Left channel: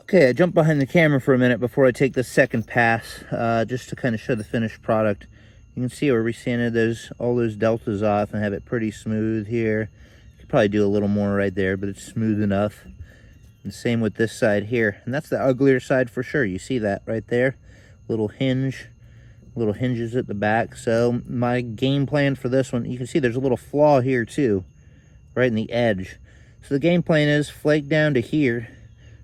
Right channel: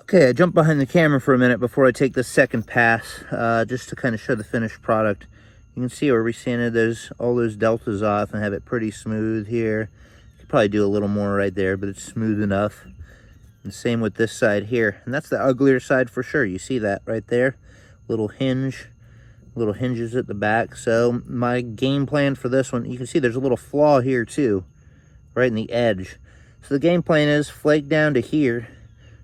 Okay, I jumped behind the camera for a minute before I take the second pass, just to kind of show the finished product. You can see where we sanded all those deltas off and have it pretty smooth here. Could probably do a little more right there, but it's smooth enough. And same with this side here. And that's the uglier side for sure. You see that right there? Little hinges at the back. So my game plan for this one, you can see there's a little flaw here too, right in the edge. So the game plan is flake down to here,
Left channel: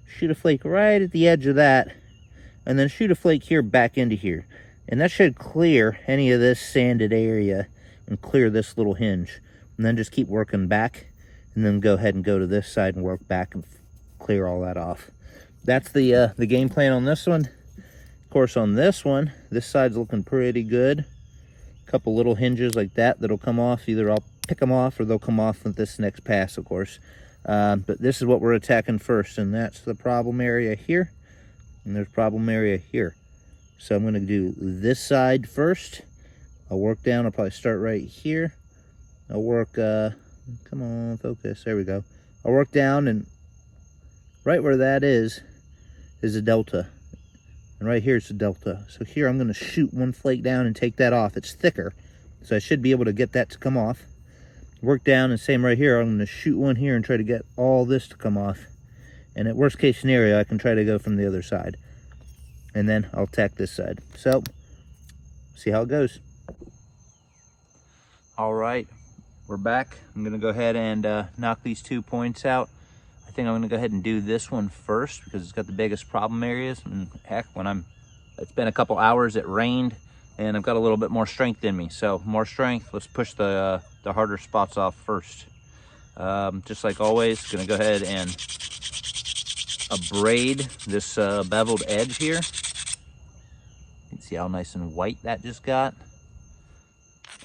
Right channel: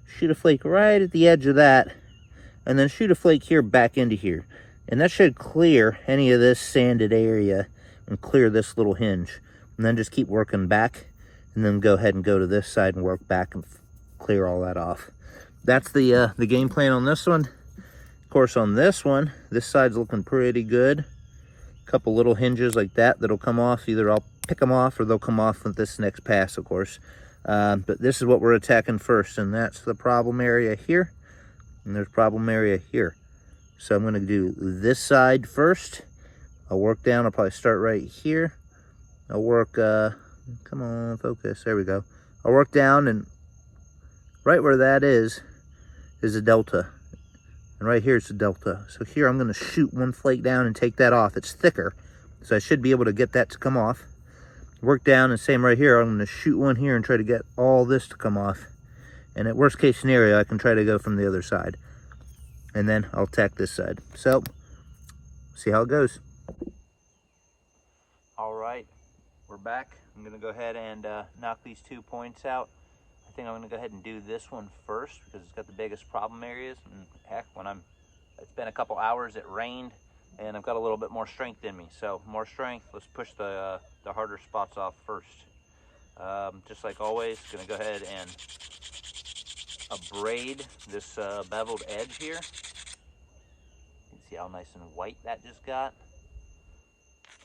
shoot a flake right at the edge of that, and then shoot a flake here back into here. And that should clear any of this sanded area and clear this little hinge. And then just keep working back, and then go ahead and go to this side and work back and clear all that off. That's the game plan on this one. Of course, on this one, this side's looking pretty good. A couple little hinges like that'll come off. Either I'll pick them off or they'll come off with this next pass, of course. But this is what we're attacking first, and that's the problem area here, and there's problem area here. So I'm going to do this side first. I'll work down. I'll probably start right here. I'll work, come on, focus. There we go. I'll work down, and right where that is a delta. And right here is the delta. So here I'm going to shoot one flake down and take that off. It's thicker, so I should be able to get that to come off. Work down, and same right here. I'm going to shoot one here and try to get all this to come off. And at worst case scenario, I can try to go from the other side. And then I'll tack this side. So, see how it goes. All right, we're back. I'm going to go ahead and knock these 2 points out. I think I'm going to go ahead and do this one first because it's got the biggest problem areas. And heck, it's been a couple hours, it rained, and I've got a little bit more strength in me. So more strength, let's push the harder spots off first. Just like always, gonna go ahead and abrade this beveled edge here. You can see how nice and white that just got.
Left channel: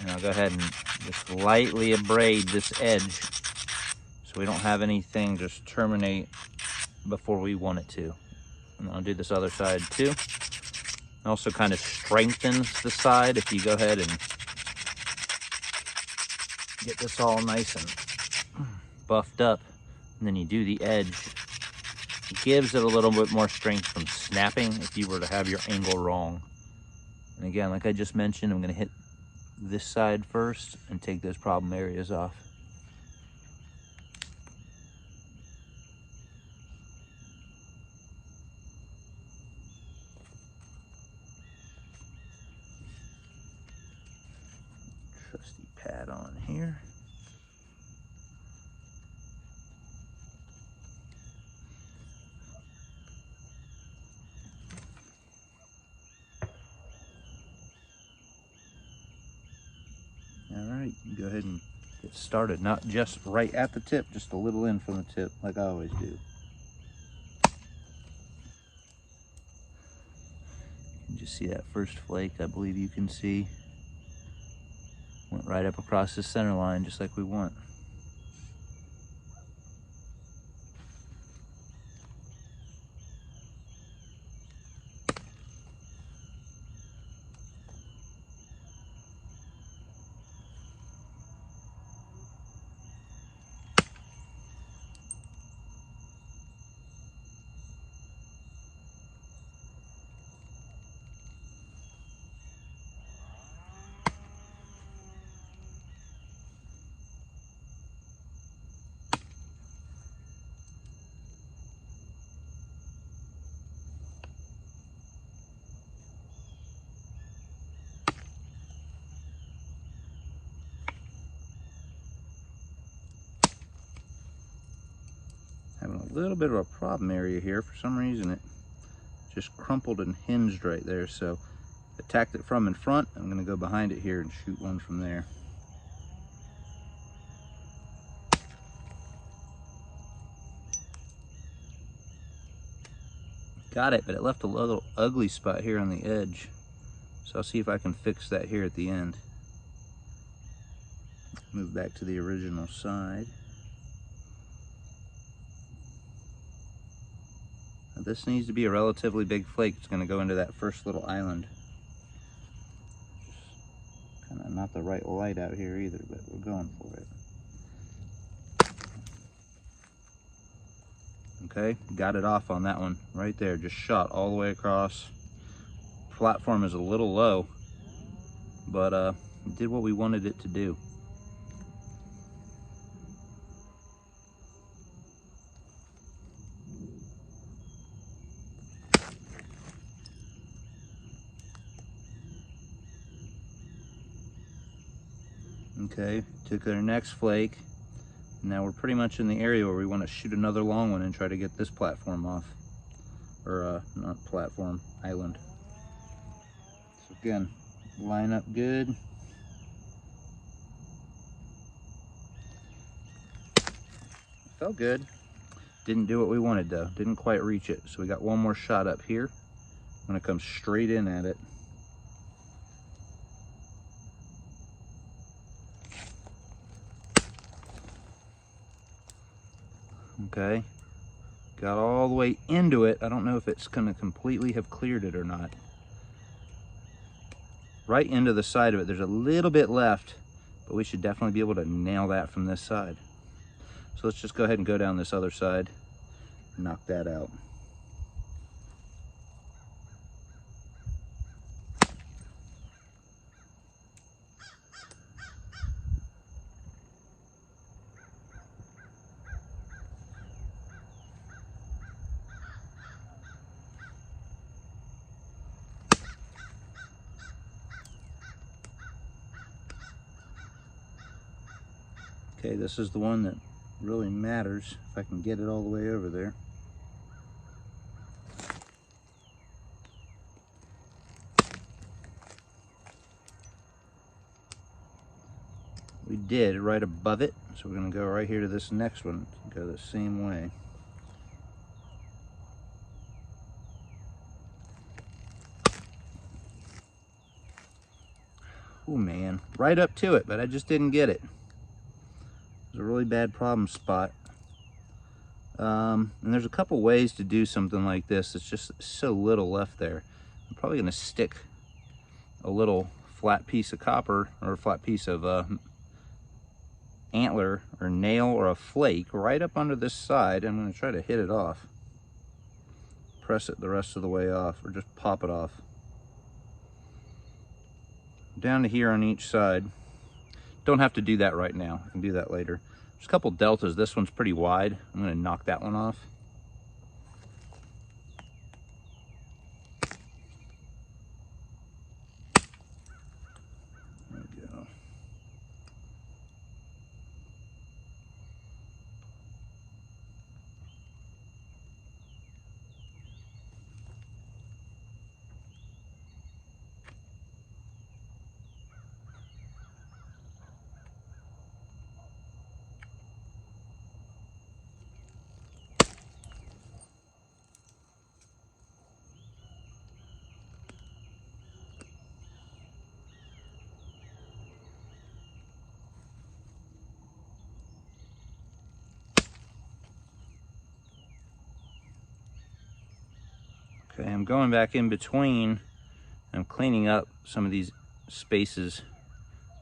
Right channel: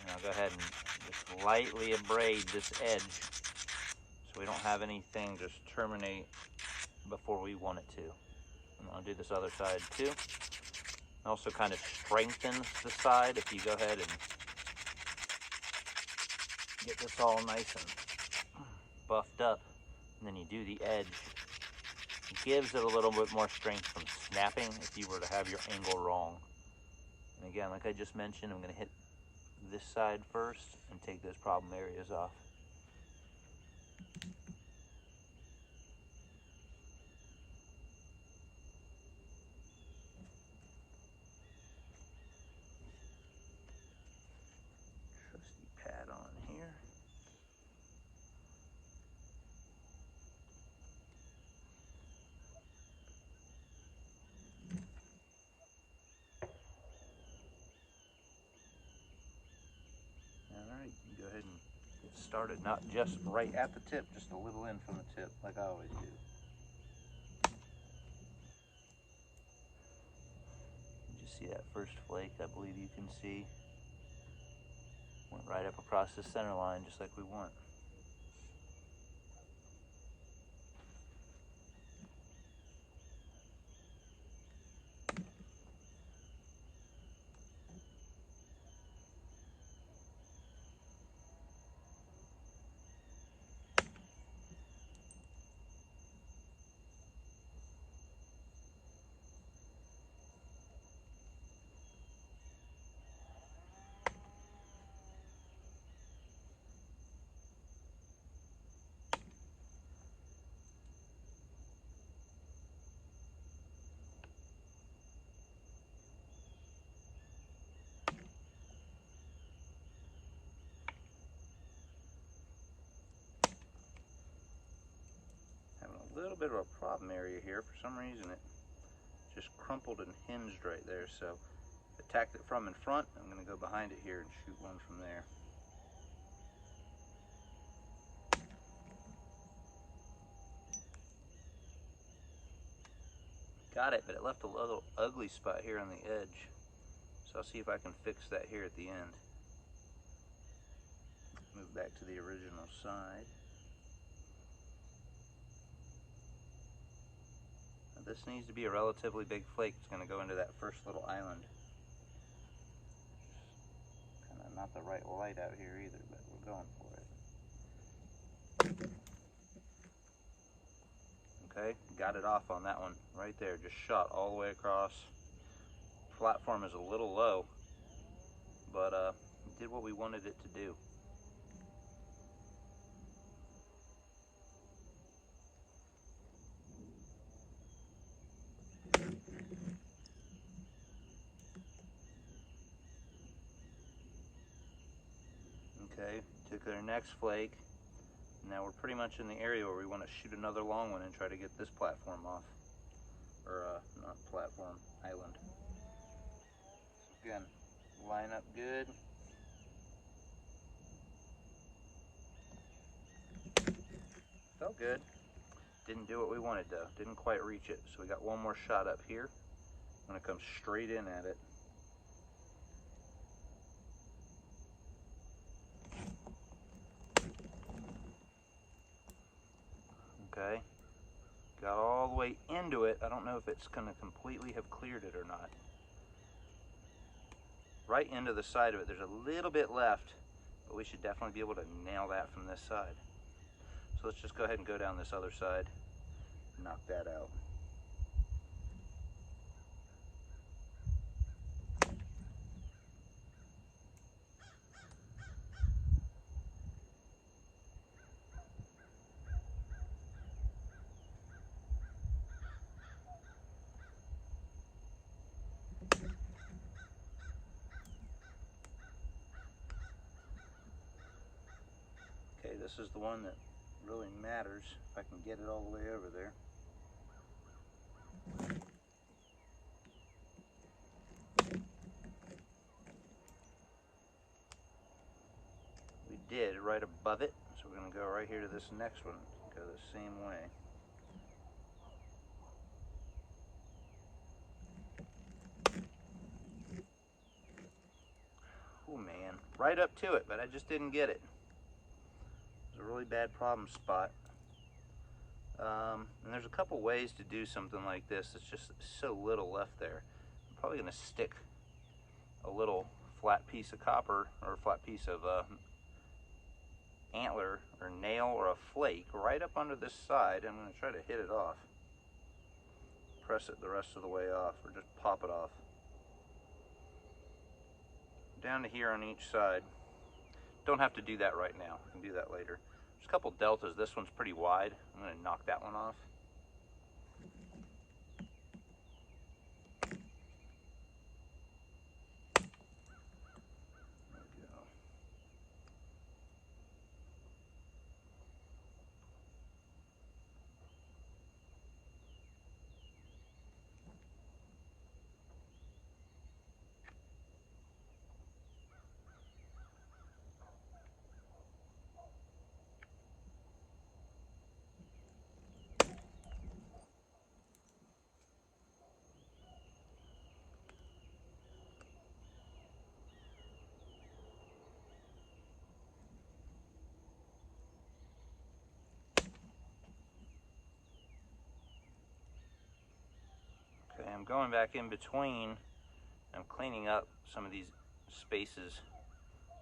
And I'll go ahead and just lightly abrade this edge so we don't have anything just terminate before we want it to. And I'll do this other side too. It also kind of strengthens the side if you go ahead and get this all nice and buffed up, and then you do the edge. It gives it a little bit more strength from snapping if you were to have your angle wrong. And again, like I just mentioned, I'm going to hit this side first and take those problem areas off. Trusty pad on here. All right, you go ahead and get started. Not just right at the tip, just a little in from the tip, like I always do. You can just see that first flake, I believe you can see. Went right up across the center line, just like we want. Having a little bit of a problem area here. For some reason it just crumpled and hinged right there, so attacked it from in front. I'm going to go behind it here and shoot one from there. Got it, but it left a little ugly spot here on the edge, so I'll see if I can fix that here at the end. Move back to the original side. Now this needs to be a relatively big flake. It's going to go into that first little island. Kind of not the right light out here either, but we're going for it. Okay, got it off on that one right there, just shot all the way across. Platform is a little low, but it did what we wanted it to do. Okay, took our next flake. Now we're pretty much in the area where we want to shoot another long one and try to get this platform off. Or not platform, island. So again, line up good. Felt good. Didn't do what we wanted though. Didn't quite reach it. So we got one more shot up here. I'm gonna come straight in at it. Okay, got all the way into it. I don't know if it's gonna completely have cleared it or not. Right into the side of it, there's a little bit left, but we should definitely be able to nail that from this side. So let's just go ahead and go down this other side and knock that out. Okay, this is the one that really matters, if I can get it all the way over there. We did right above it, so we're gonna go right here to this next one, go the same way. Oh man, right up to it, but I just didn't get it. It was a really bad problem spot. And there's a couple ways to do something like this. It's just so little left there. I'm probably gonna stick a little flat piece of copper or a flat piece of antler or nail or a flake right up under this side. I'm gonna try to hit it off. Press it the rest of the way off, or just pop it off. Down to here on each side. Don't have to do that right now. I can do that later. There's a couple deltas. This one's pretty wide. I'm gonna knock that one off. There we go. Okay, I'm going back in between. I'm cleaning up some of these spaces.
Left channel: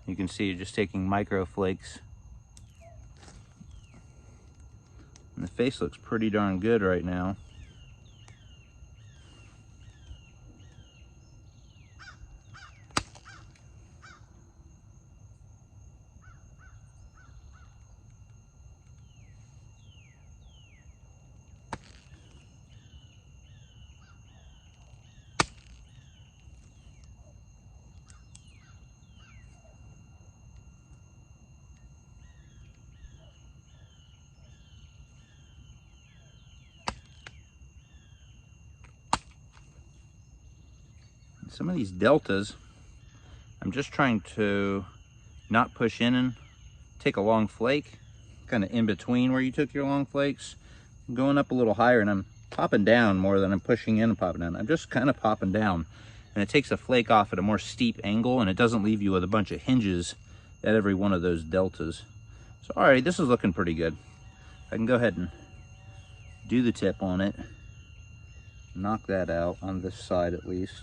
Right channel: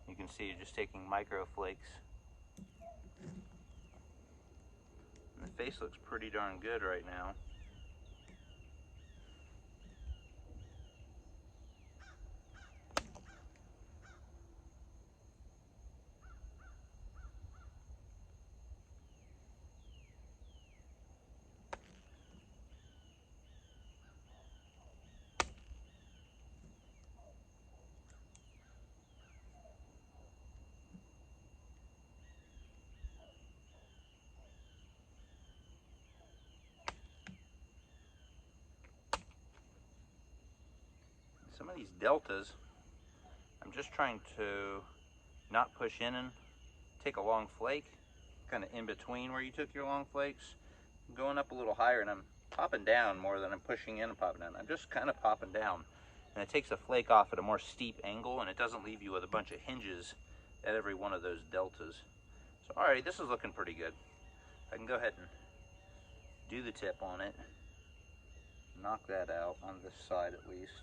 You can see you're just taking micro flakes. And the face looks pretty darn good right now. Some of these deltas, I'm just trying to not push in and take a long flake, kind of in between where you took your long flakes. I'm going up a little higher and I'm popping down more than I'm pushing in and popping down. I'm just kind of popping down, and it takes a flake off at a more steep angle, and it doesn't leave you with a bunch of hinges at every one of those deltas. So all right, this is looking pretty good. I can go ahead and do the tip on it, knock that out on this side at least.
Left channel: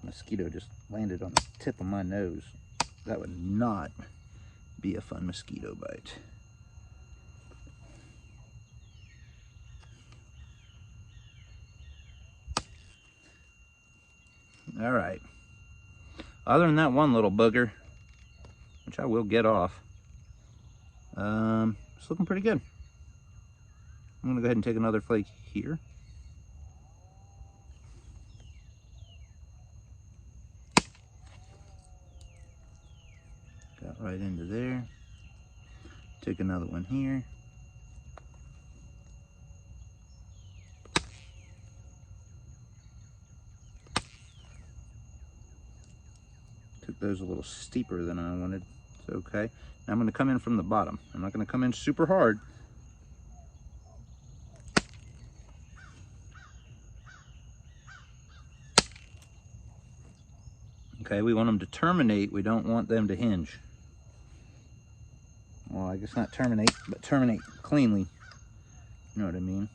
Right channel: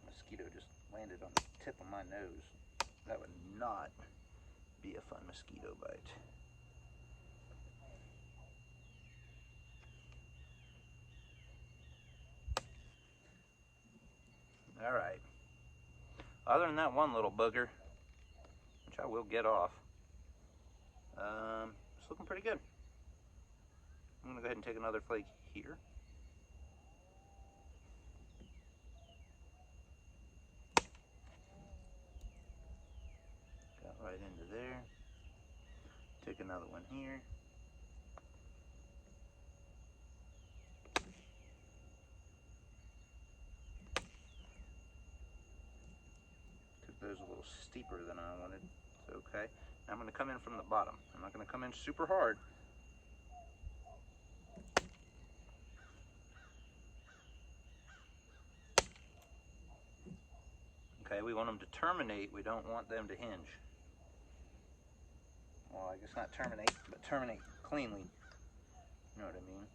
The mosquito just landed on the tip of my nose. That would not be a fun mosquito bite. All right. Other than that one little booger, which I will get off, it's looking pretty good. I'm gonna go ahead and take another flake here. Got right into there. Take another one here. Took those a little steeper than I wanted. It's okay. Now I'm going to come in from the bottom. I'm not going to come in super hard. Okay, we want them to terminate. We don't want them to hinge. Well, I guess not terminate, but terminate cleanly. You know what I mean?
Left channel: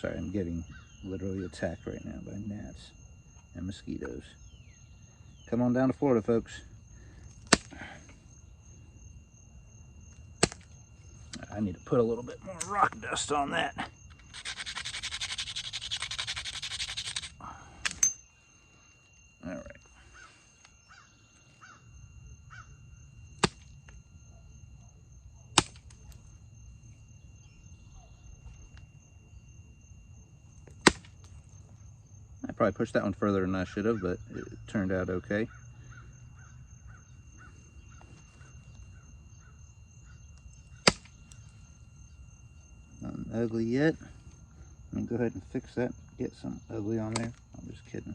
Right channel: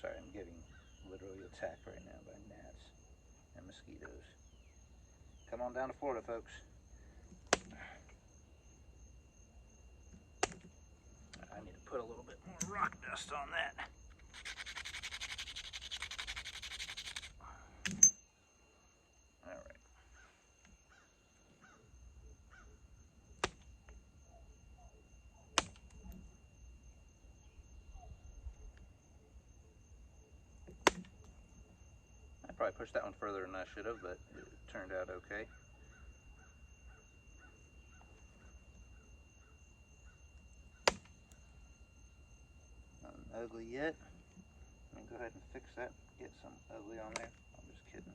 Sorry, I'm getting literally attacked right now by gnats and mosquitoes. Come on down to Florida, folks. I need to put a little bit more rock dust on that. All right. I probably pushed that one further than I should have, but it turned out okay. Nothing ugly yet. Let me go ahead and fix that. Get some ugly on there. I'm just kidding.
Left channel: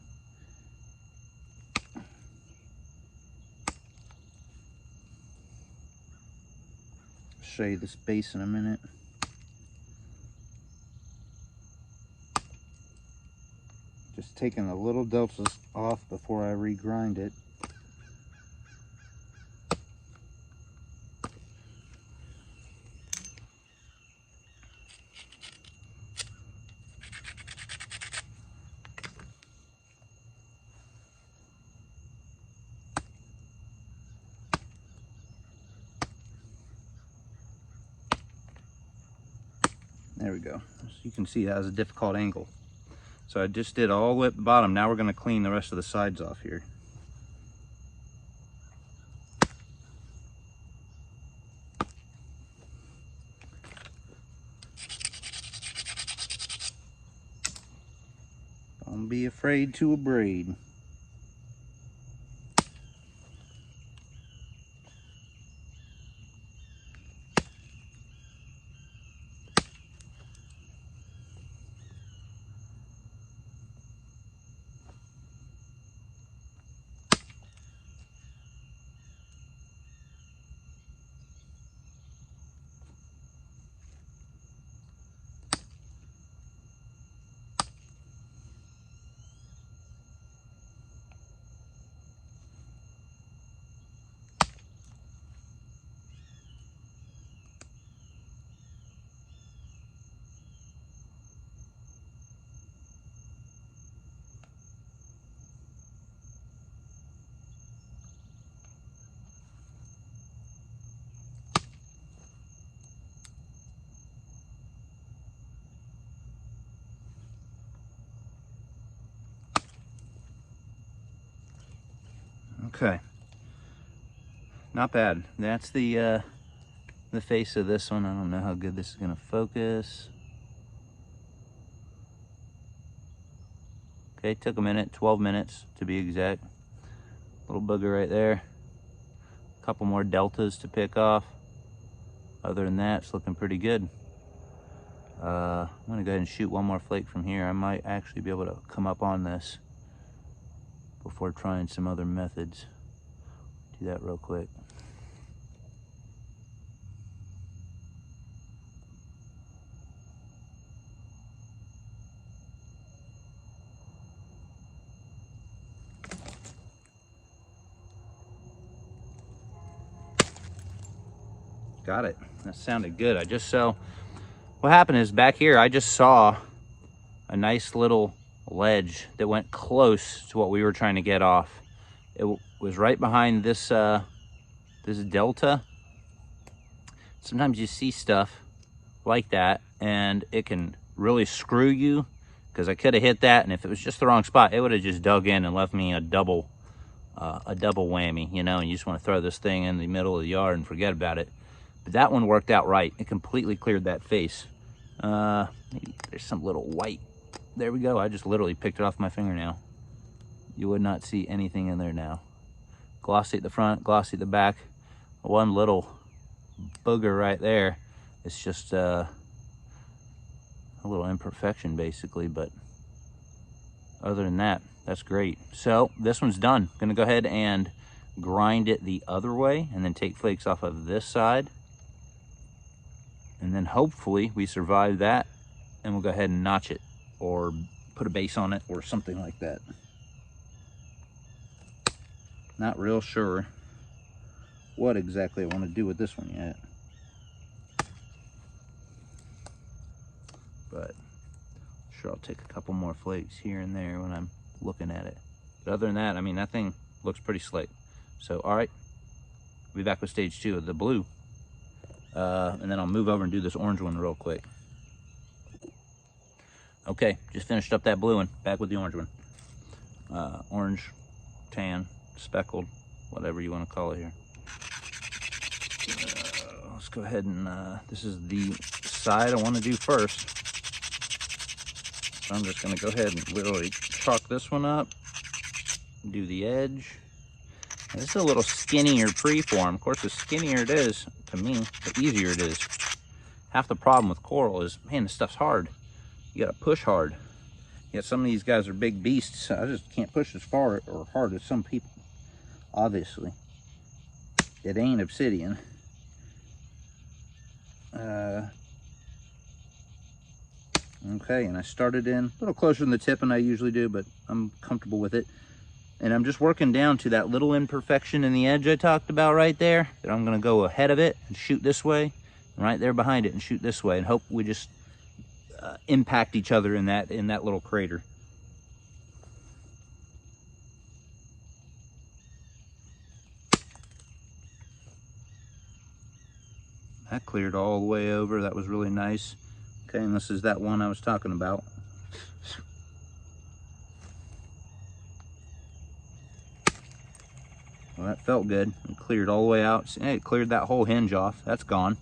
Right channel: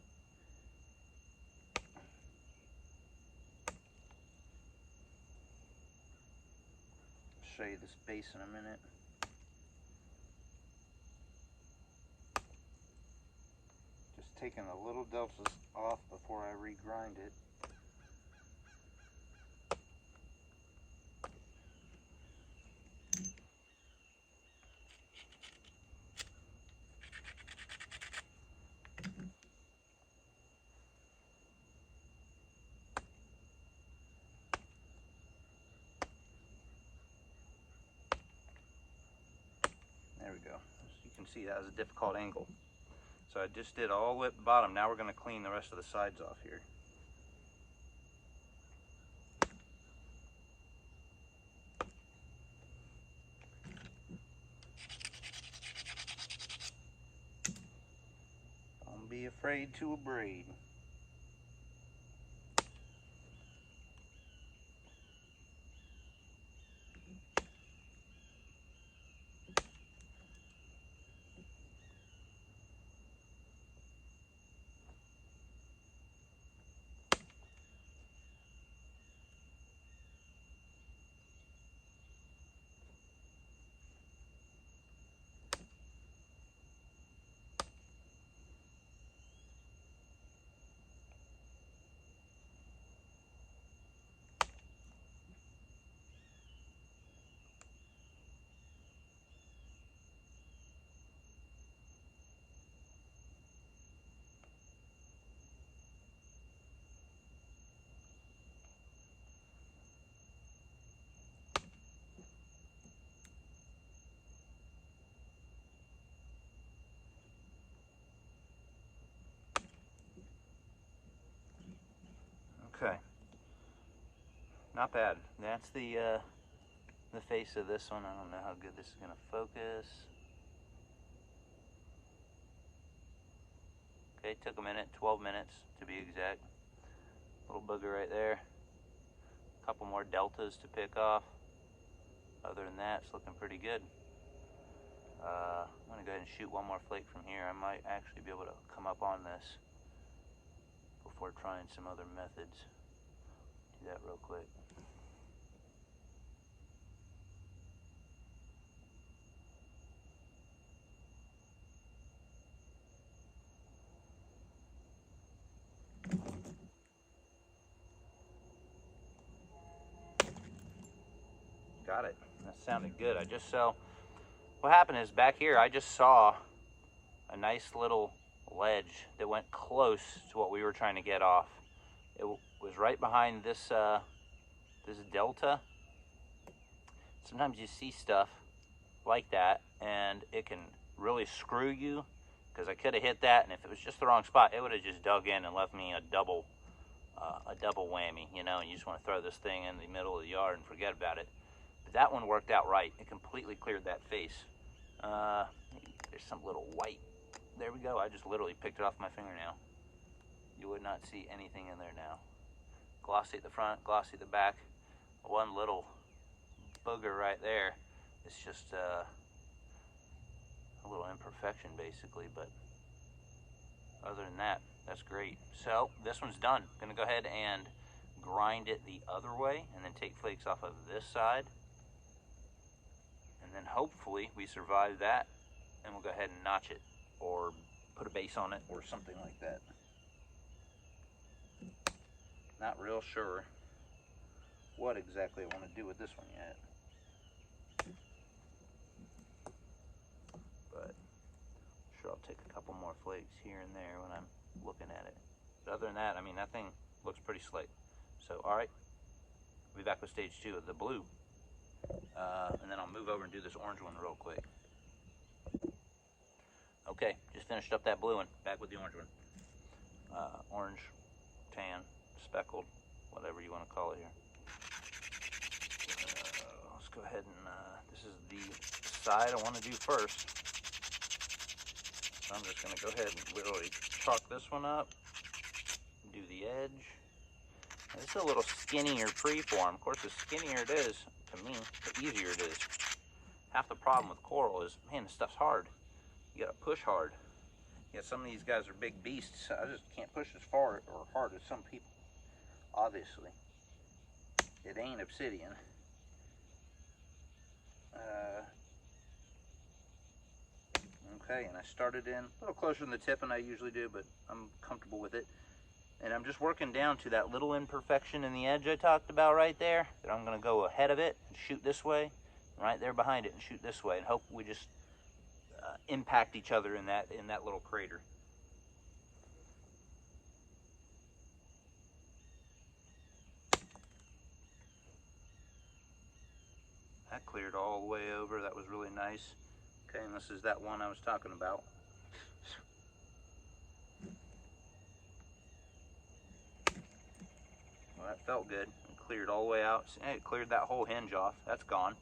Show you this base in a minute. Just taking the little deltas off before I regrind it. There we go. So you can see that has a difficult angle. So I just did all the way at the bottom. Now we're going to clean the rest of the sides off here. Don't be afraid to abrade. Okay, not bad. That's the face of this one. I don't know how good this is going to focus. Okay, took a minute, 12 minutes to be exact. Little booger right there. A couple more deltas to pick off. Other than that, it's looking pretty good. I'm going to go ahead and shoot one more flake from here. I might actually be able to come up on this before trying some other methods. Do that real quick. Got it. That sounded good. What happened is back here, I just saw a nice little ledge that went close to what we were trying to get off. It was right behind this this delta. Sometimes you see stuff like that and it can really screw you, because I could have hit that, and if it was just the wrong spot, it would have just dug in and left me a double whammy, you know, and you just want to throw this thing in the middle of the yard and forget about it. But that one worked out right. It completely cleared that face. Maybe there's some little white. There we go. I just literally picked it off my fingernail. You would not see anything in there now. Glossy at the front, glossy at the back. One little booger right there. It's just a little imperfection basically, but other than that, that's great. So this one's done. Gonna go ahead and grind it the other way and then take flakes off of this side. And then hopefully we survive that, and we'll go ahead and notch it or put a base on it or something like that. Not real sure what exactly I want to do with this one yet. But sure, I'll take a couple more flakes here and there when I'm looking at it. But other than that, I mean, that thing looks pretty slick. So, all right, we'll be back with stage 2 of the blue. And then I'll move over and do this orange one real quick. Okay, just finished up that blue one. Back with the orange one. Orange, tan, speckled, whatever you want to call it here. Let's go ahead and, this is the side I want to do first. So I'm just going to go ahead and literally chalk this one up, do the edge. Now, this is a little skinnier preform. Of course, the skinnier it is, to me, the easier it is. Half the problem with coral is, man, this stuff's hard. You got to push hard. Yet some of these guys are big beasts. I just can't push as far or hard as some people. Obviously, it ain't obsidian. Okay, and I started in a little closer than the tip than I usually do, but I'm comfortable with it. And I'm just working down to that little imperfection in the edge I talked about right there. That I'm gonna go ahead of it and shoot this way, and right there behind it and shoot this way, and hope we just impact each other in that little crater. That cleared all the way over. That was really nice. Okay, and this is that one I was talking about. Well, that felt good. It cleared all the way out. See, it cleared that whole hinge off. That's gone.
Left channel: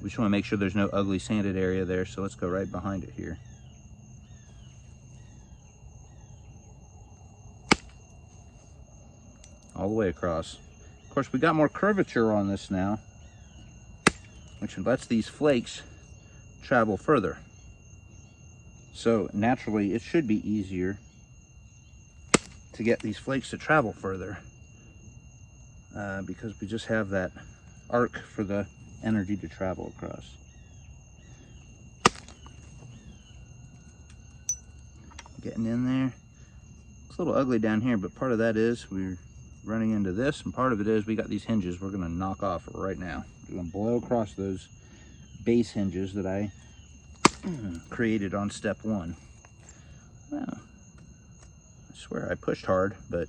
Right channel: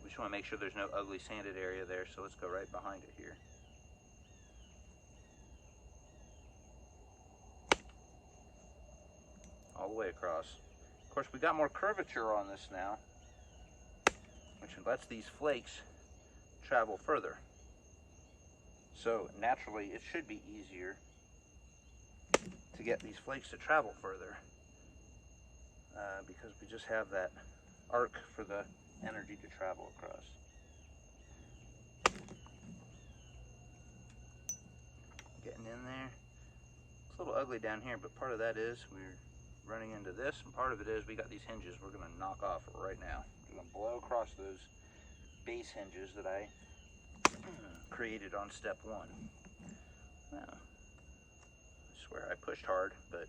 We just want to make sure there's no ugly sanded area there, so let's go right behind it here. All the way across. Of course, we got more curvature on this now, which lets these flakes travel further. So naturally, it should be easier to get these flakes to travel further because we just have that arc for the energy to travel across. Getting in there. It's a little ugly down here, but part of that is we're running into this, and part of it is we got these hinges we're going to knock off right now. We're going to blow across those base hinges that I created on step 1. Well, I swear I pushed hard, but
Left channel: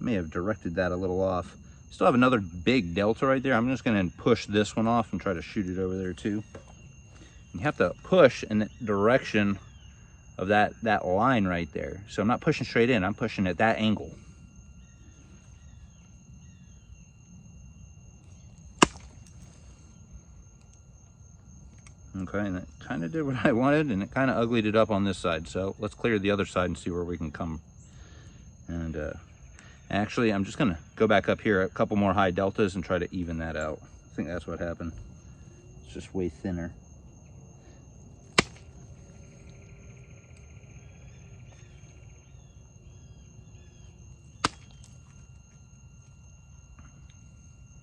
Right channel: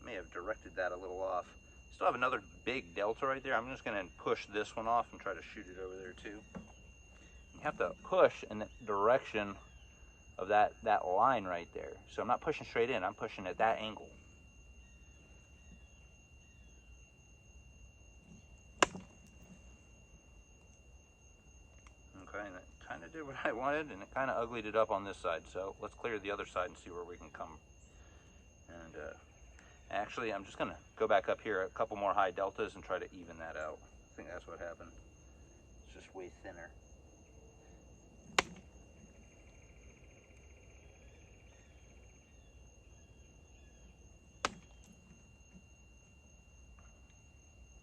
I may have directed that a little off. Still have another big delta right there. I'm just going to push this one off and try to shoot it over there too. You have to push in the direction of that line right there. So I'm not pushing straight in, I'm pushing at that angle. Okay, and it kind of did what I wanted, and it kind of uglied it up on this side. So let's clear the other side and see where we can come. And actually, I'm just gonna go back up here a couple more high deltas and try to even that out. I think that's what happened. It's just way thinner.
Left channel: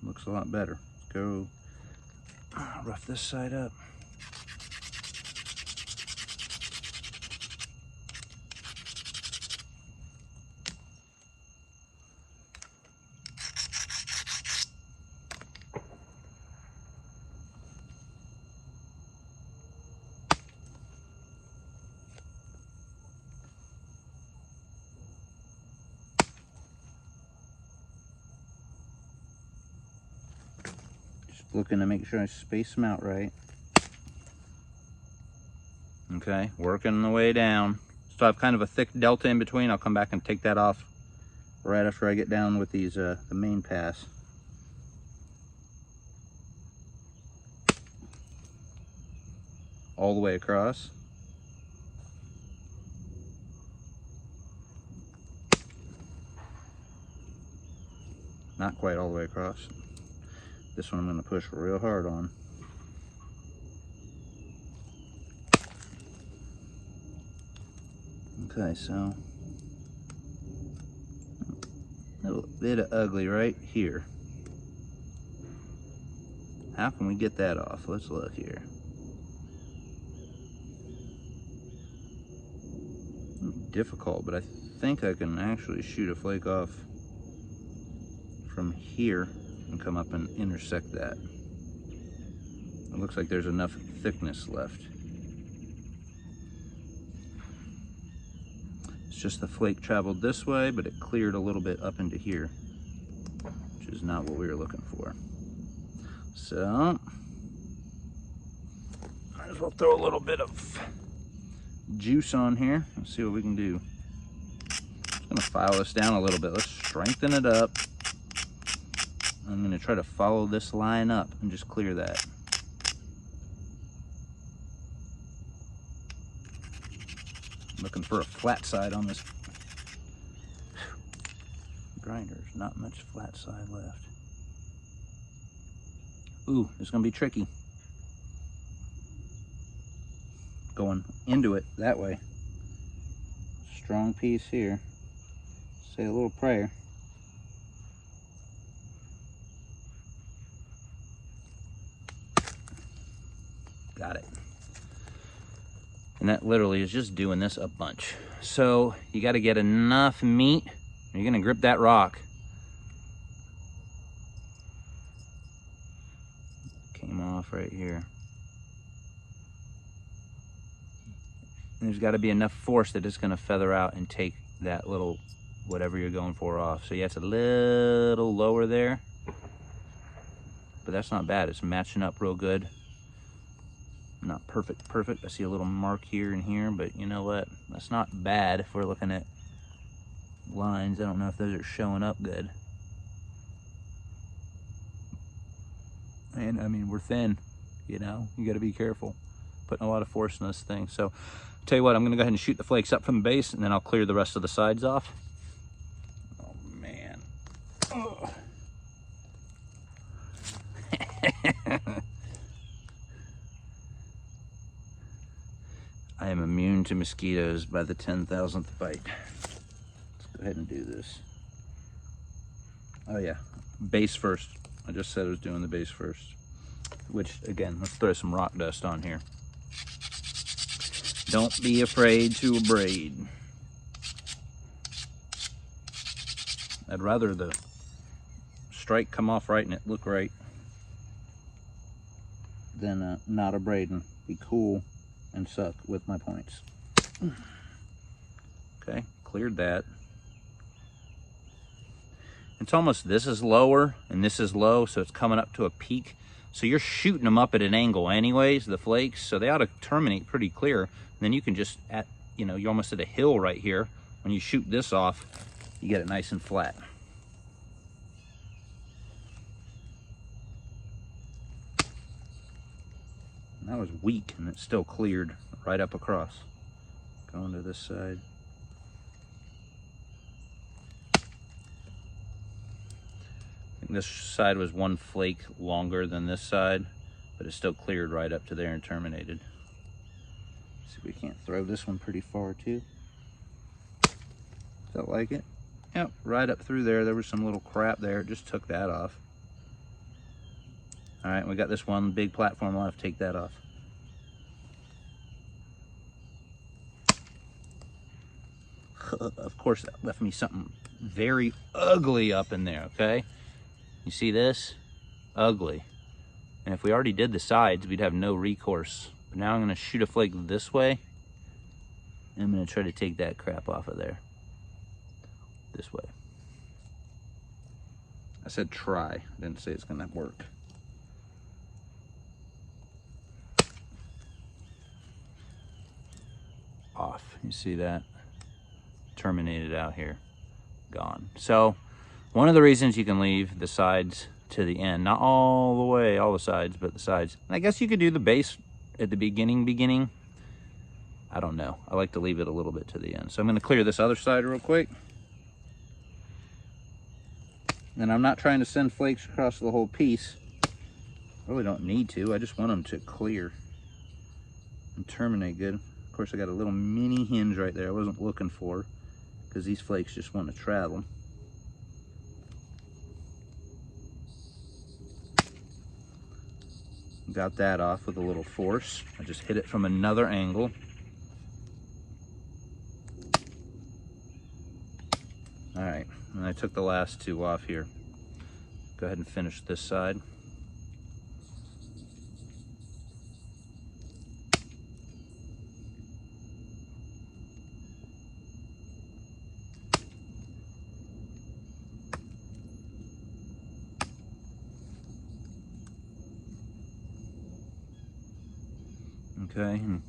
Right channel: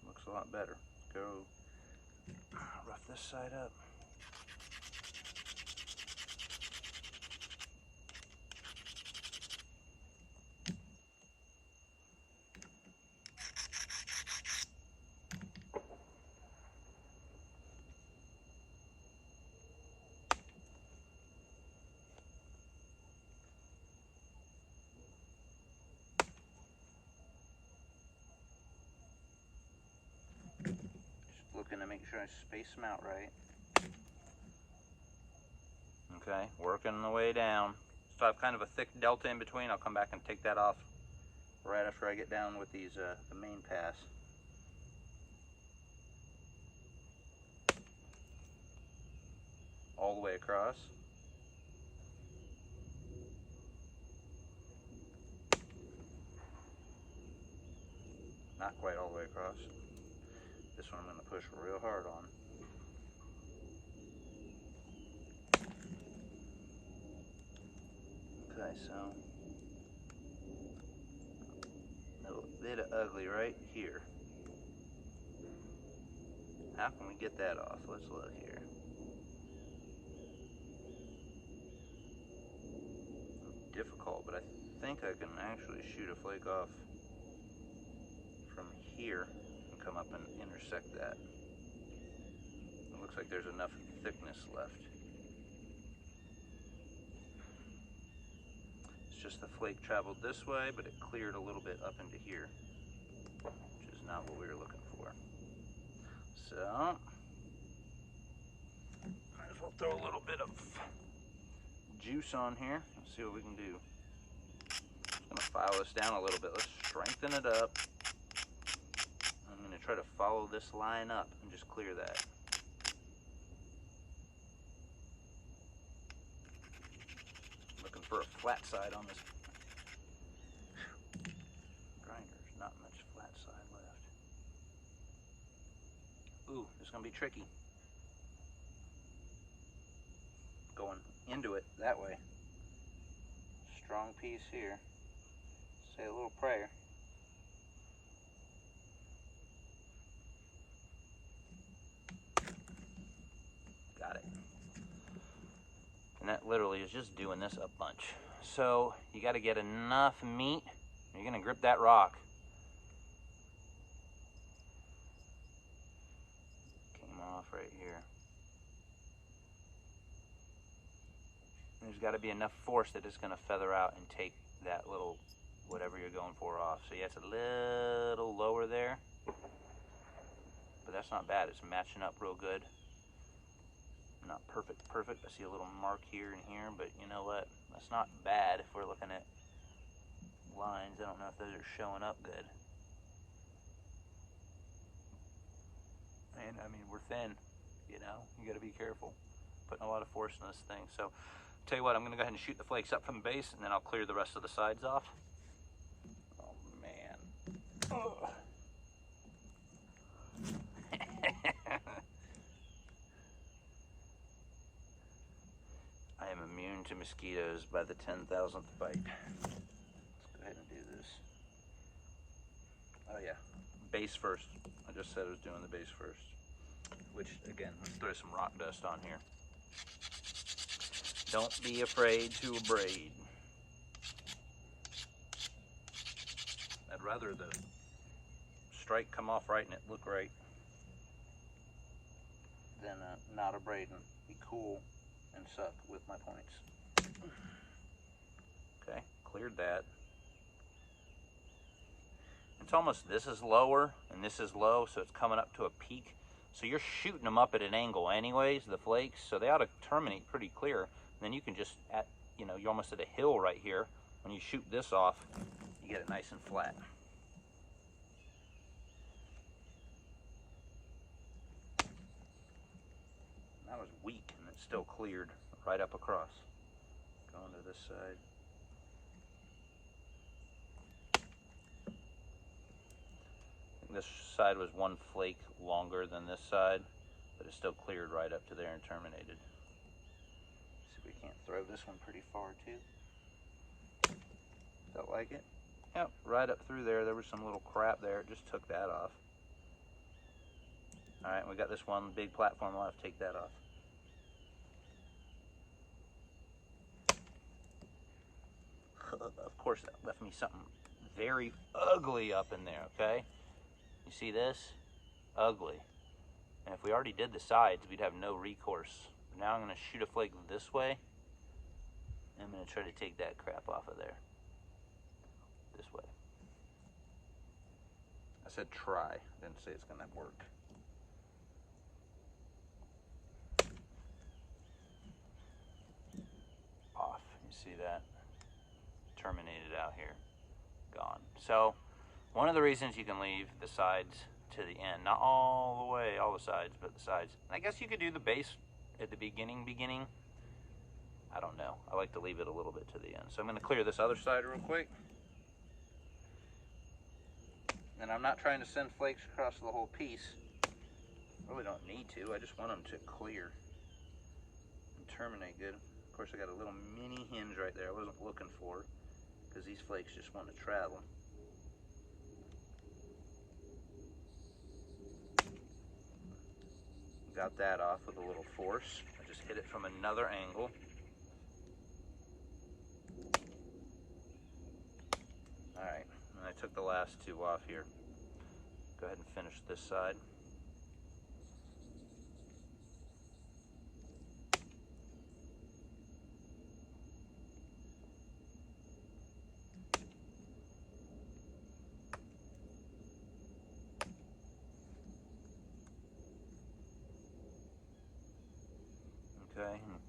Looks a lot better. Let's go rough this side up. looking to make sure I space them out right. Okay, working the way down. So I have kind of a thick delta in between. I'll come back and take that off right after I get down with these, the main pass. All the way across. Not quite all the way across. This one I'm going to push real hard on. Okay, so a little bit of ugly right here. How can we get that off? Let's look here. Difficult, but I think I can actually shoot a flake off from here and come up and intersect that. It looks like there's enough thickness left. It's just the flake traveled this way, but it cleared a little bit up into here, which is not what we were looking for. So, might as well throw a little bit of juice on here. Let's see what we can do. I'm gonna file this down a little bit. Let's strengthen it up. I'm gonna try to follow this line up and just clear that. Looking for a flat side on this grinder. There's not much flat side left. Ooh, it's gonna be tricky. Going into it that way. Strong piece here. Say a little prayer. Got it. And that literally is just doing this a bunch. So you got to get enough meat. You're going to grip that rock. Came off right here. And there's got to be enough force that it's going to feather out and take that little whatever you're going for off. So yeah, it's a little lower there, but that's not bad. It's matching up real good. Not perfect. I see a little mark here and here, but you know what? That's not bad if we're looking at lines. I don't know if those are showing up good. And I mean, we're thin, you know, you got to be careful. Putting a lot of force in this thing. So tell you what, I'm going to go ahead and shoot the flakes up from the base, and then I'll clear the rest of the sides off. Oh man. Oh. I am immune to mosquitoes by the 10,000th bite. Let's go ahead and do this. Oh yeah, base first. I just said I was doing the base first. Which, again, let's throw some rock dust on here. Don't be afraid to abrade. I'd rather the strike come off right and it look right than not abrade and be cool and suck with my points. Okay, cleared that. It's almost, this is lower and this is low, so it's coming up to a peak. So you're shooting them up at an angle anyways, the flakes, so they ought to terminate pretty clear. And then you can just, you know, you're almost at a hill right here. When you shoot this off, you get it nice and flat. And that was weak and it still cleared right up across. Going to this side. This side was one flake longer than this side, but it still cleared right up to there and terminated. See if we can't throw this one pretty far too. Felt like it. Yep, right up through there. There was some little crap there. It just took that off. All right, we got this one big platform left. Take that off. Of course, that left me something very ugly up in there, okay? You see this? Ugly. And if we already did the sides, we'd have no recourse. But now I'm going to shoot a flake this way. And I'm going to try to take that crap off of there. This way. I said try. I didn't say it's going to work. You see that? Terminated out here. Gone. So one of the reasons you can leave the sides to the end, not all the way, all the sides, but the sides. And I guess you could do the base at the beginning. I don't know. I like to leave it a little bit to the end. So I'm going to clear this other side real quick. And I'm not trying to send flakes across the whole piece. I really don't need to. I just want them to clear and terminate good. Of course, I got a little mini hinge right there I wasn't looking for, because these flakes just want to travel. Got that off with a little force. I just hit it from another angle. All right, and I took the last two off here. Go ahead and finish this side. Okay, and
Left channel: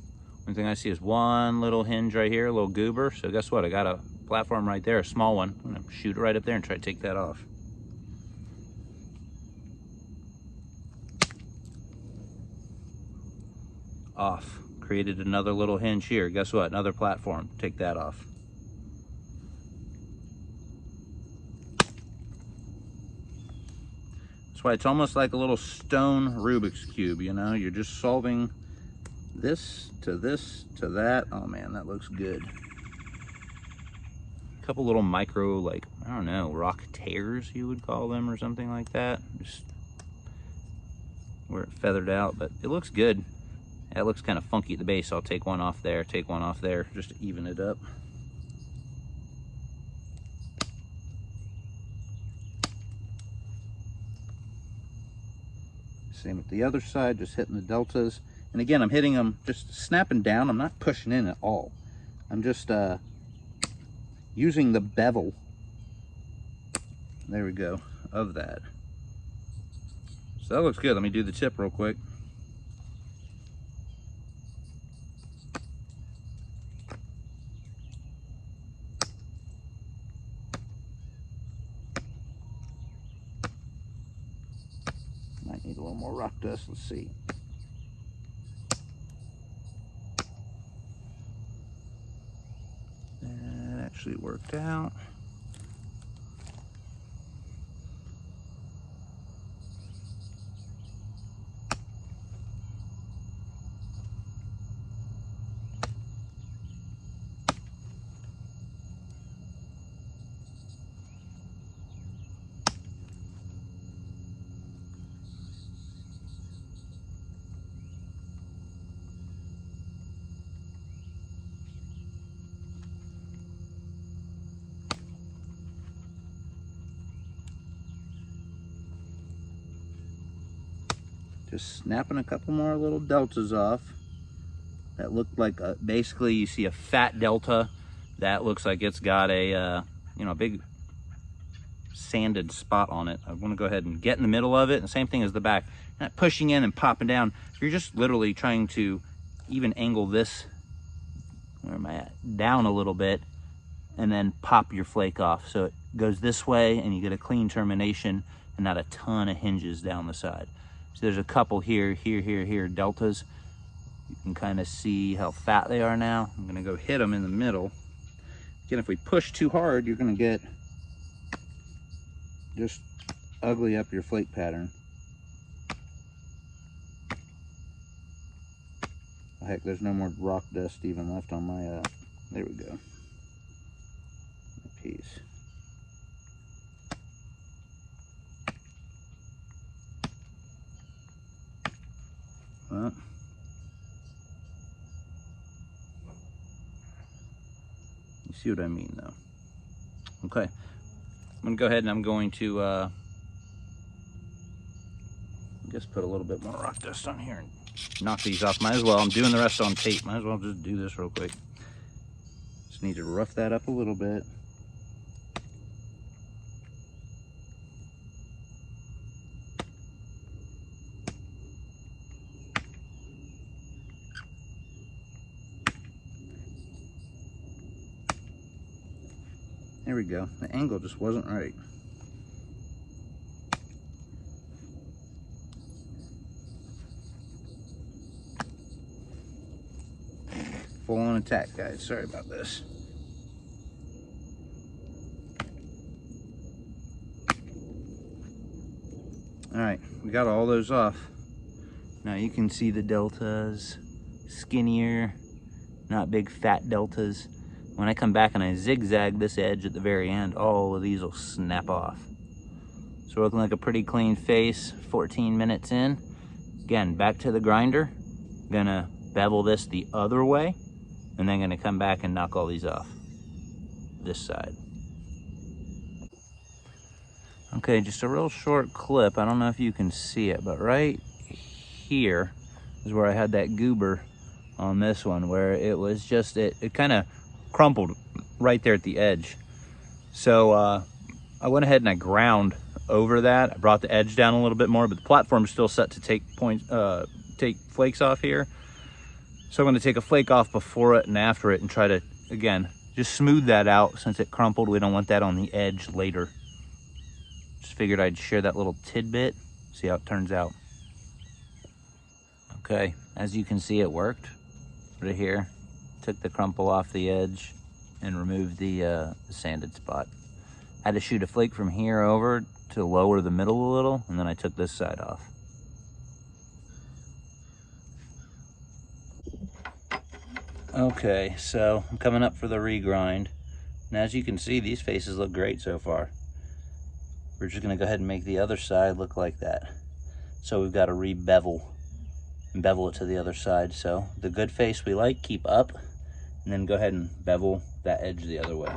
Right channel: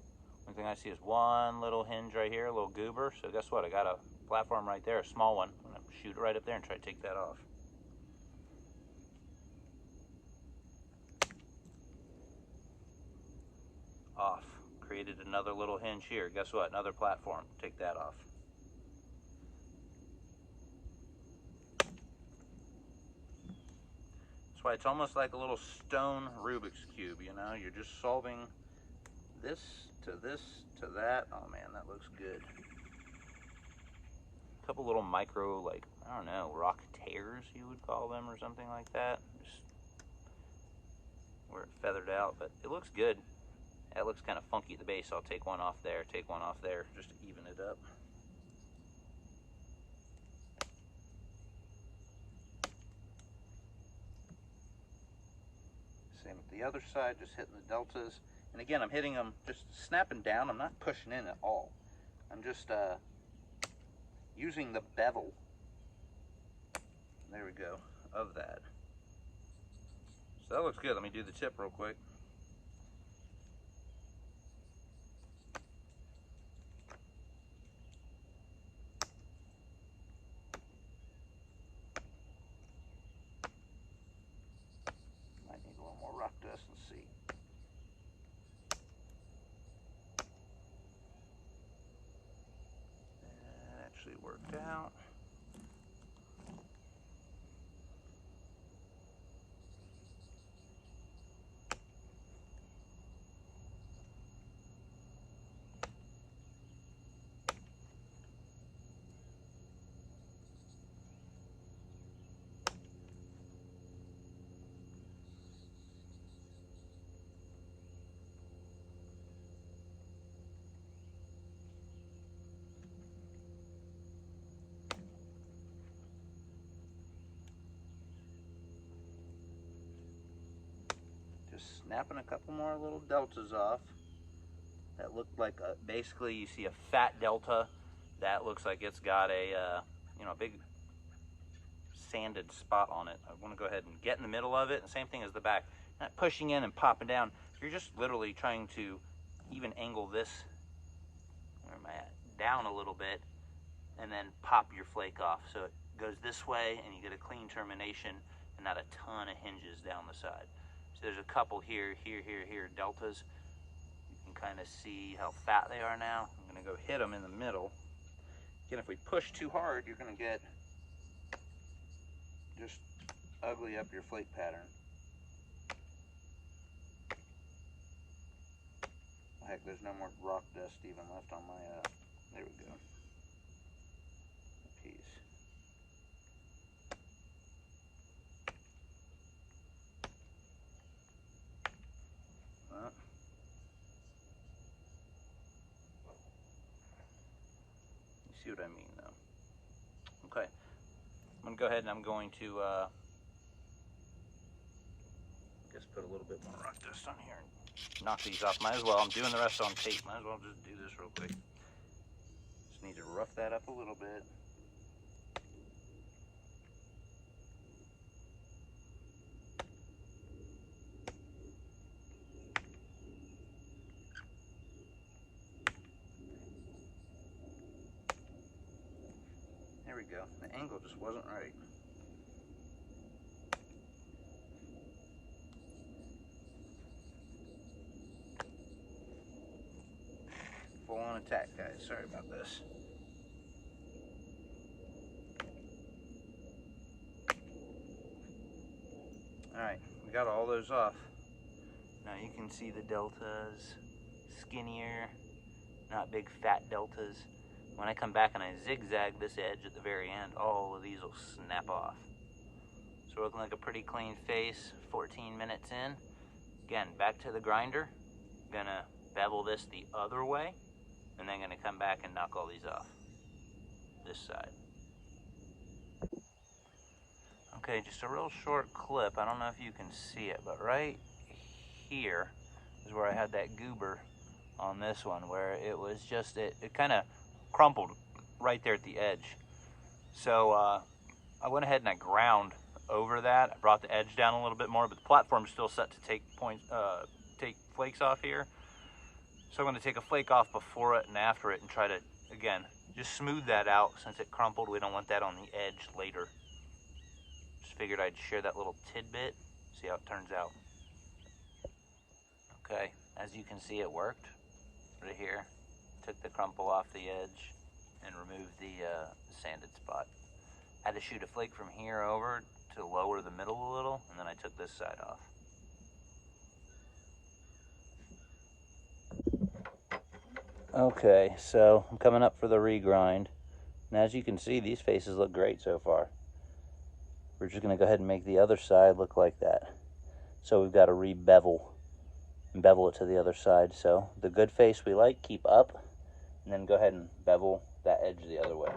one thing I see is one little hinge right here, a little goober. So guess what? I got a platform right there, a small one. I'm gonna shoot it right up there and try to take that off. Off. Created another little hinge here. Guess what? Another platform. Take that off. That's why it's almost like a little stone Rubik's Cube, you know? You're just solving this to that. Oh man, that looks good. A couple little micro, like, I don't know, rock tears you would call them or something like that. Just where it feathered out, but it looks good. That looks kind of funky at the base. I'll take one off there, take one off there, just to even it up. Same with the other side, just hitting the deltas. And again, I'm hitting them, just snapping down. I'm not pushing in at all. I'm just using the bevel, there we go, of that. So that looks good. Let me do the tip real quick. Might need a little more rock dust, let's see. That actually worked out. Just snapping a couple more little deltas off. That looked like basically you see a fat delta. That looks like it's got a you know, a big sanded spot on it. I want to go ahead and get in the middle of it. And same thing as the back. Not pushing in and popping down. You're just literally trying to even angle this, where am I at, down a little bit, and then pop your flake off. So it goes this way and you get a clean termination and not a ton of hinges down the side. So there's a couple here, deltas. You can kind of see how fat they are now. I'm gonna go hit them in the middle. Again, if we push too hard, you're gonna get just ugly up your flake pattern. Oh, heck, there's no more rock dust even left on my, there we go. Piece. Well, you see what I mean though. Okay, I'm gonna go ahead and I'm going to just put a little bit more rock dust on here and knock these off. Might as well, I'm doing the rest on tape. Might as well just do this real quick. Just need to rough that up a little bit. There we go. The angle just wasn't right. Full on attack, guys. Sorry about this. All right, we got all those off. Now you can see the deltas, skinnier, not big fat deltas. When I come back and I zigzag this edge at the very end, all of these will snap off. So we're looking like a pretty clean face, 14 minutes in. Again, back to the grinder. Gonna bevel this the other way, and then gonna come back and knock all these off this side. Okay, just a real short clip. I don't know if you can see it, but right here is where I had that goober on this one, where it was just, it kind of crumpled right there at the edge. So I went ahead and I ground over that. I brought the edge down a little bit more, but the platform's still set to take flakes off here. So I'm going to take a flake off before it and after it and try to, again, just smooth that out since it crumpled. We don't want that on the edge later. Just figured I'd share that little tidbit, see how it turns out. Okay, as you can see, it worked right here. Took the crumple off the edge and removed the sanded spot. Had to shoot a flake from here over to lower the middle a little, and then I took this side off. Okay, so I'm coming up for the regrind. And as you can see, these faces look great so far. We're just gonna go ahead and make the other side look like that. So we've got to re-bevel and bevel it to the other side. So the good face we like, keep up, and then go ahead and bevel that edge the other way.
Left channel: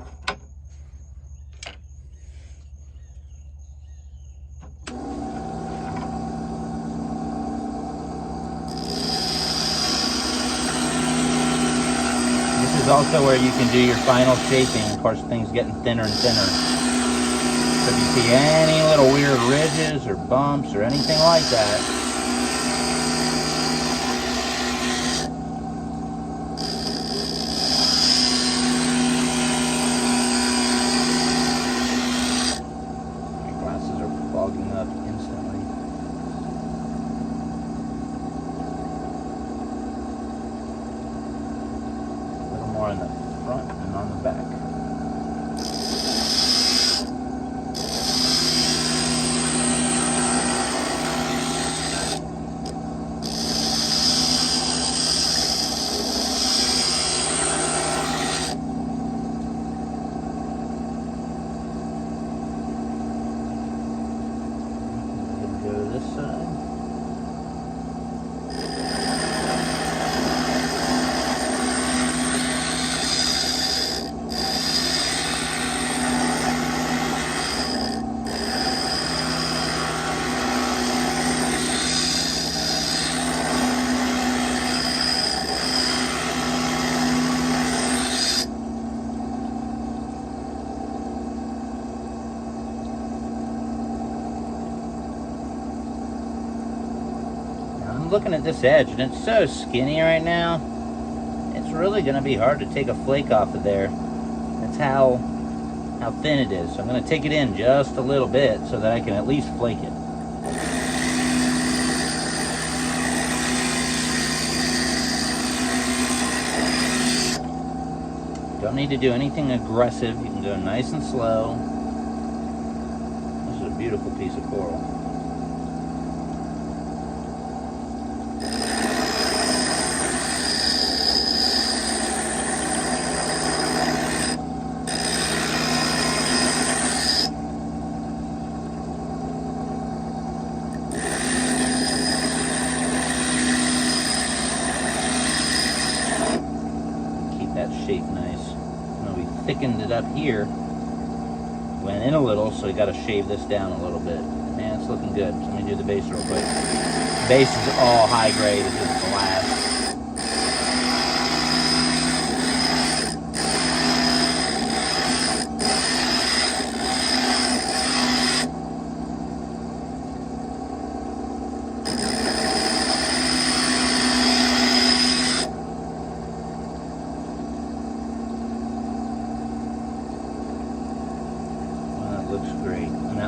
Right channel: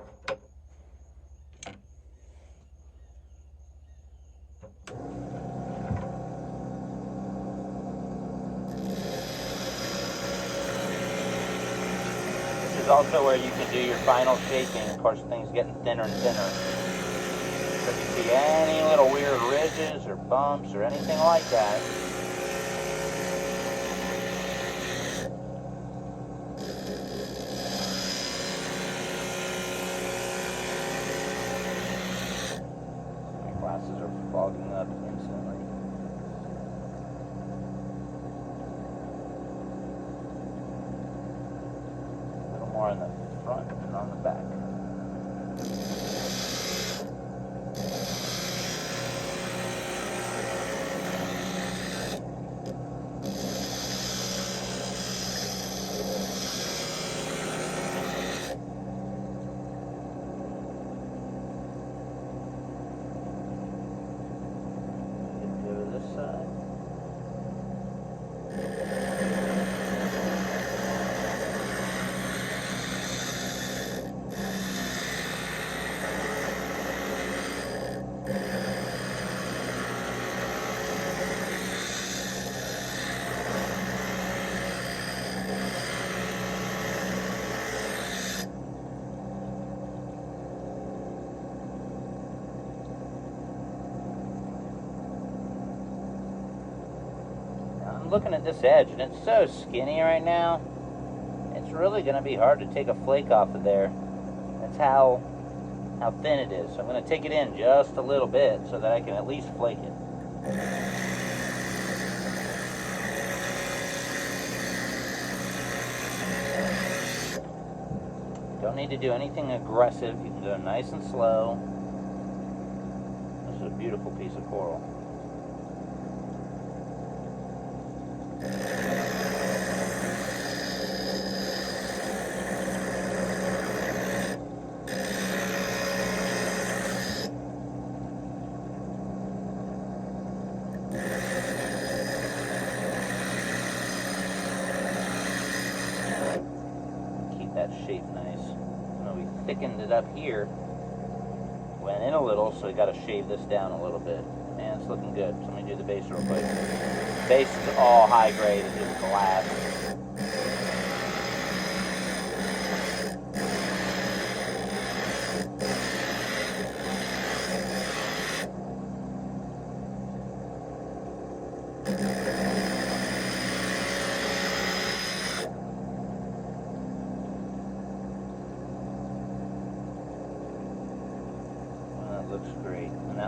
This is also where you can do your final shaping. Of course, things getting thinner and thinner. So if you see any little weird ridges or bumps or anything like that, on the front and on the back. Go to this side. Looking at this edge, and it's so skinny right now, it's really going to be hard to take a flake off of there. That's how thin it is. So I'm going to take it in just a little bit so that I can at least flake it. Don't need to do anything aggressive. You can go nice and slow. This is a beautiful piece of coral. Shape nice. And then we thickened it up here. Went in a little, so we got to shave this down a little bit. Man, it's looking good. So let me do the base real quick. The base is all high grade. It's just glass.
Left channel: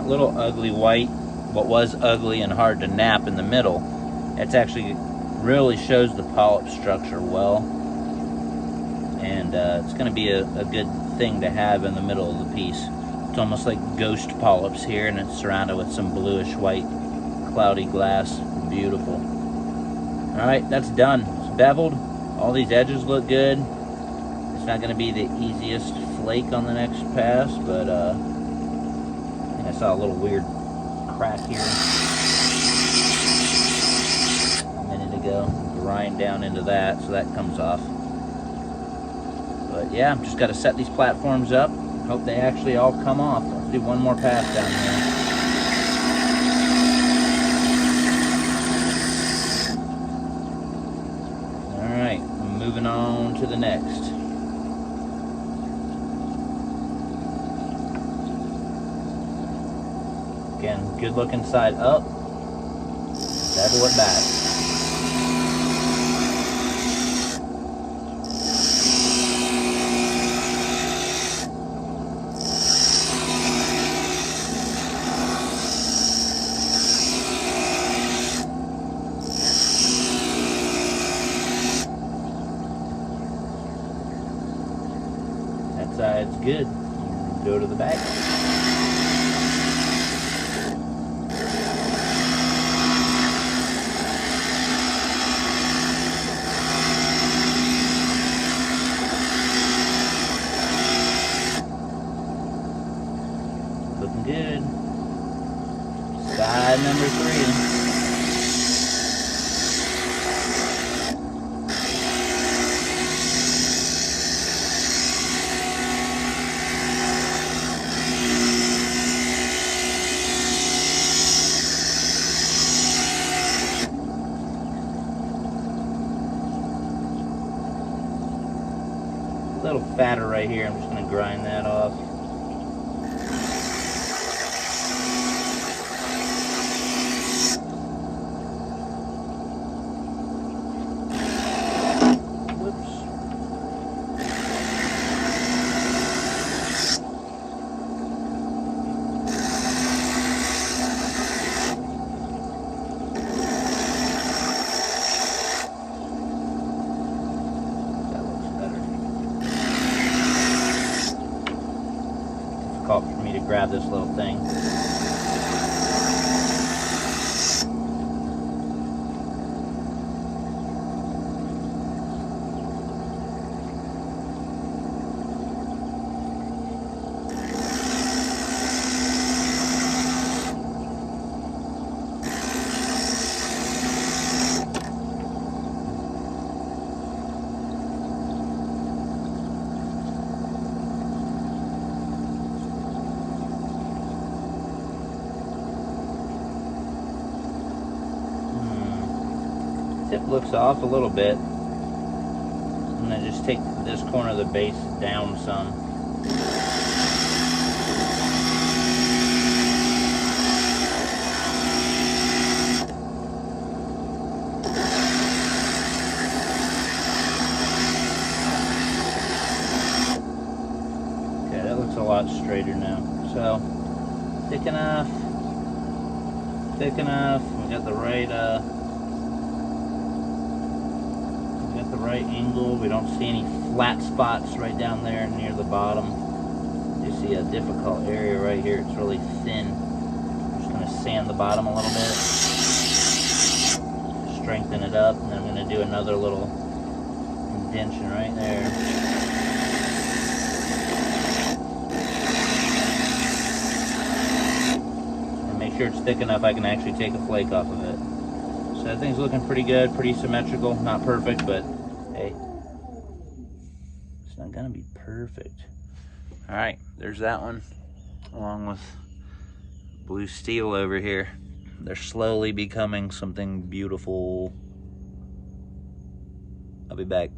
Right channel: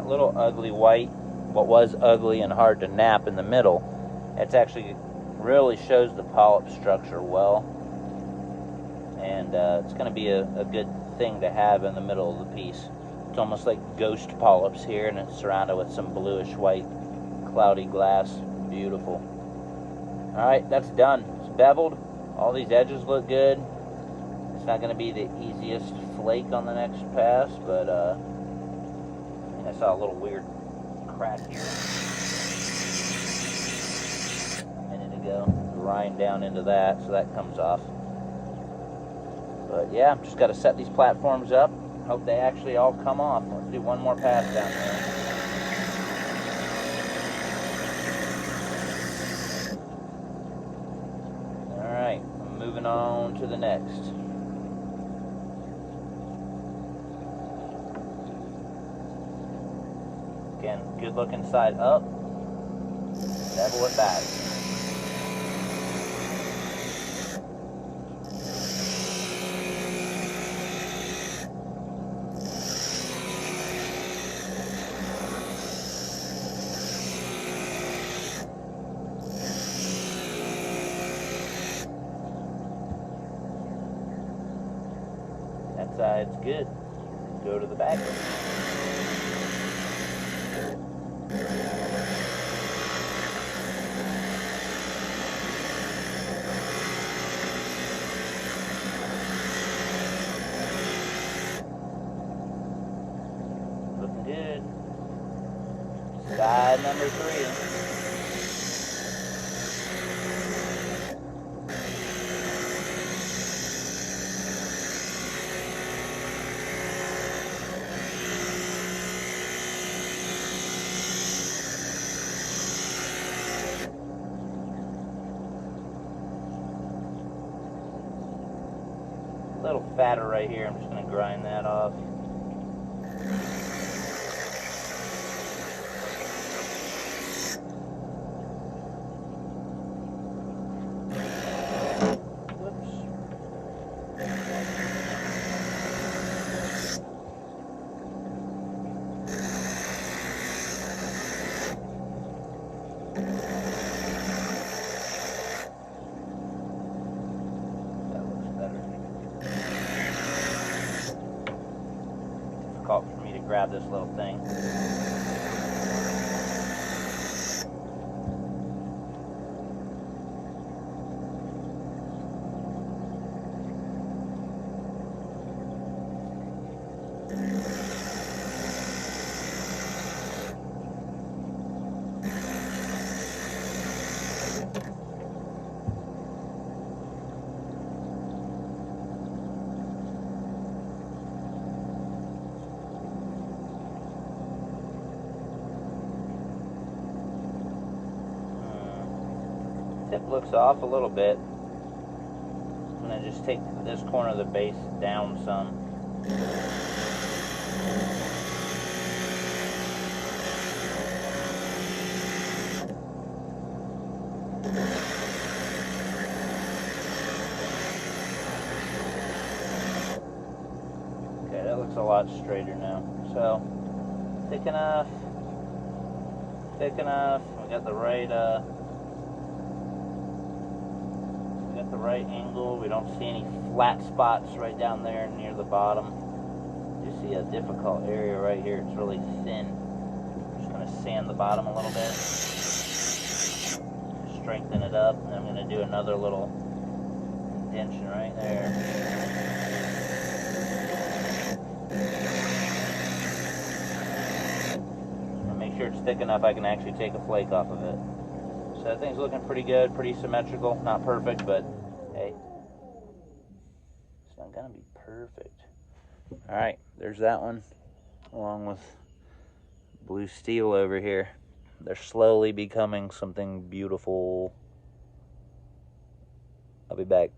that little ugly white, what was ugly and hard to nap in the middle, it's actually really shows the polyp structure well. And it's going to be a good thing to have in the middle of the piece. It's almost like ghost polyps here, and it's surrounded with some bluish white cloudy glass. Beautiful. All right, that's done. It's beveled. All these edges look good. It's not going to be the easiest flake on the next pass, but I saw a little weird crack here a minute ago. Grind down into that, so that comes off. But yeah, just got to set these platforms up. Hope they actually all come off. Let's do one more pass down here. All right, moving on to the next. Again, good looking side up. Bevel it back. That side's good. Go to the back. Looking good. Side number 3. A little fatter right here. I'm just going to grind that off. Difficult for me to grab this little thing. Tip looks off a little bit. And then just take this corner of the base down some. Okay, that looks a lot straighter now. So, thick enough. Thick enough. We got the right angle. We don't see any flat spots right down there near the bottom. You see a difficult area right here. It's really thin. I'm just going to sand the bottom a little bit, strengthen it up, and then I'm going to do another little indention right there. And make sure it's thick enough I can actually take a flake off of it. So that thing's looking pretty good, pretty symmetrical. Not perfect, but hey, it's not gonna be perfect. All right, there's that one, along with blue steel over here. They're slowly becoming something beautiful. I'll be back.